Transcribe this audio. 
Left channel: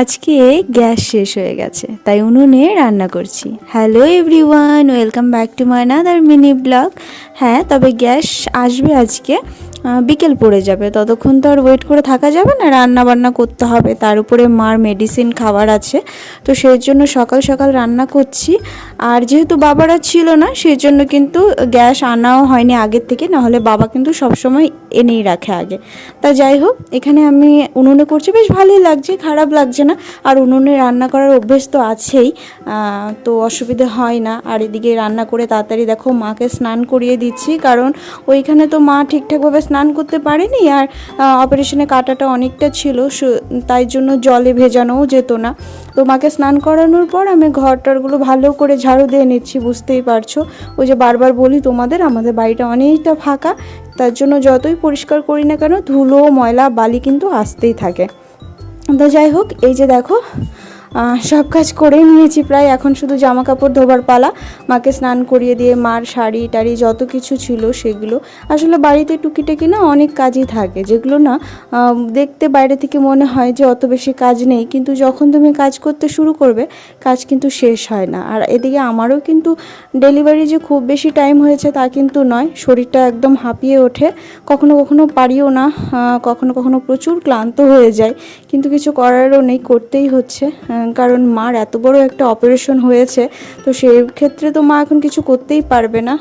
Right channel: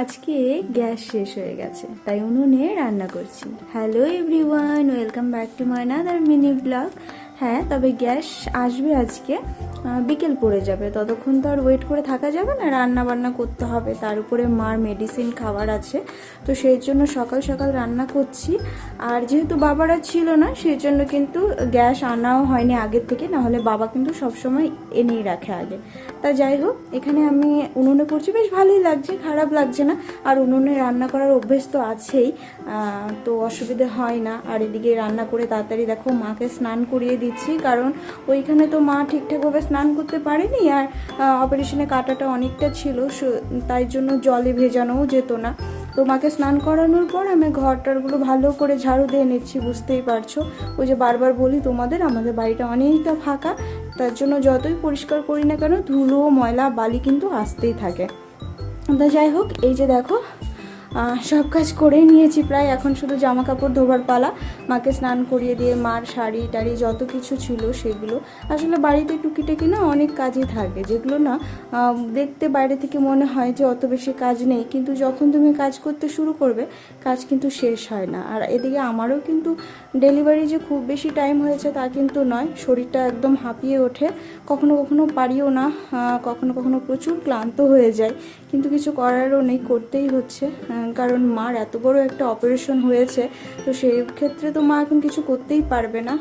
আজকে গ্যাস শেষ হয়ে গেছে, তাই উনুনে রান্না করছি। Hello everyone, welcome back to my another mini blog. হ্যাঁ, তবে গ্যাস আসবে আজকে, বিকেল পড়ে যাবে। ততক্ষণ তো আর ওয়েট করে থাকা যাবে না, রান্না বান্না করতে হবে। তার উপরে মার মেডিসিন খাবার আছে, তো সেই জন্য সকাল সকাল রান্না করছি। আর যেহেতু বাবারা ছিল না, সেই জন্য কিন্তু গ্যাস আনাও হয়নি আগের থেকে, নাহলে বাবা কিন্তু সবসময় এনেই রাখে আগে। তা যাই হোক, এখানে আমি উনুনে করছি, বেশ ভালোই লাগছে, খারাপ লাগছে না। আর উনুনে রান্না করার অভ্যেস তো আছেই, তো অসুবিধে হয় না। আর এদিকে রান্না করে তাড়াতাড়ি দেখো মাকে স্নান করিয়ে দিচ্ছি, কারণ ওইখানে তো মা ঠিকঠাকভাবে স্নান করতে পারেনি। আর অপারেশনে কাটাটা অনেকটা ছিল, তাই জন্য জলে ভেজানোও যেত না। তো মাকে স্নান করানোর পর আমি ঘরটারগুলো ভালো করে ঝাড়ু দিয়ে নিচ্ছি। বুঝতেই পারছো, ওই যে বারবার বলি তোমাদের, আমাদের বাড়িটা অনেকটা ফাঁকা, তার জন্য যতই পরিষ্কার করি না কেন ধুলো ময়লা বালি কিন্তু আসতেই থাকে। তো যাই হোক, এই যে দেখো সব কাজ করেই নিয়েছি প্রায়। এখন শুধু জামা কাপড় ধোবার পালা। মাকে স্নান করিয়ে দিয়ে মার শাড়ি টাড়ি যত কিছু ছিল সেগুলো, আসলে বাড়িতে টুকিটাকি না অনেক কাজই থাকে, যেগুলো না দেখতে বাইরে থেকে মনে হয় যে অত বেশি কাজ নেই, কিন্তু যখন তুমি কাজ করতে শুরু করবে কাজ কিন্তু শেষ হয় না। আর এদিকে আমারও কিন্তু ডেলিভারি যে খুব বেশি টাইম হয়েছে তা কিন্তু নয়, শরীরটা একদম হাঁপিয়ে ওঠে, কখনো কখনো পারিও না, কখনো কখনো প্রচুর ক্লান্ত হয়ে যায়, কিন্তু কিছু করারও নেই, করতেই হচ্ছে। কারণ মার এত বড় একটা অপারেশন হয়েছে, তো সেই ক্ষেত্রে তো মা এখন কিছু করতেই পারবে না।